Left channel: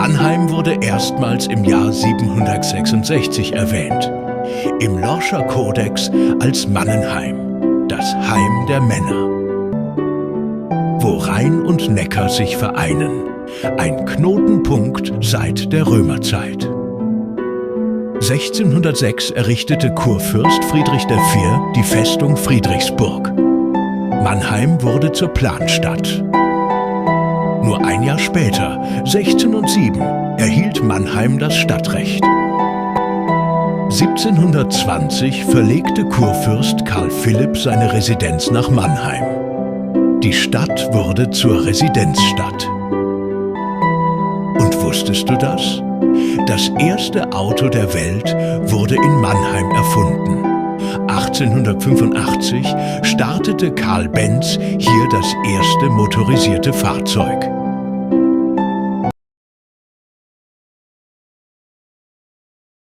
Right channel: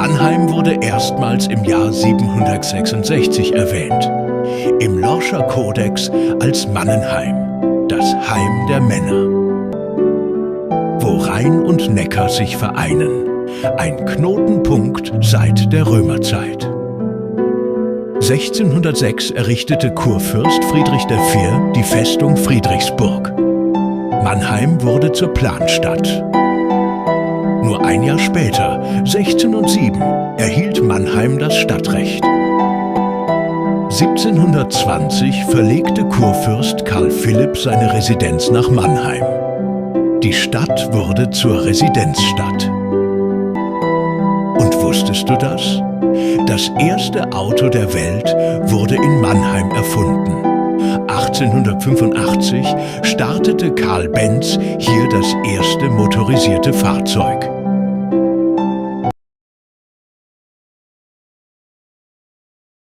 Mannheim wurde erstmals im Jahr 766 erwähnt. Im Lorscher Kodex als Mannenheim, das Heim der Männer. Wo Rhein und Neckar sich vereinen. Ein Knotenpunkt seit der Römerzeit. 1606 errichtete Kurfürst Friedrich IV. Die Festung Friedrichsburg. Mannheim wurde zur Planstadt. Nur ein Jahr später, 1607, erhielt Mannheim das Stadtrecht. 1720 verlegte Kurfürst Karl Philipp seine Residenz nach Mannheim. Die Stadt wurde zur Residenzstadt. Und wusstest du das? Das erste Auto der Welt wurde in Mannheim erfunden. 1885 startete Karl Benz hier das erste motorisierte Fahrzeug.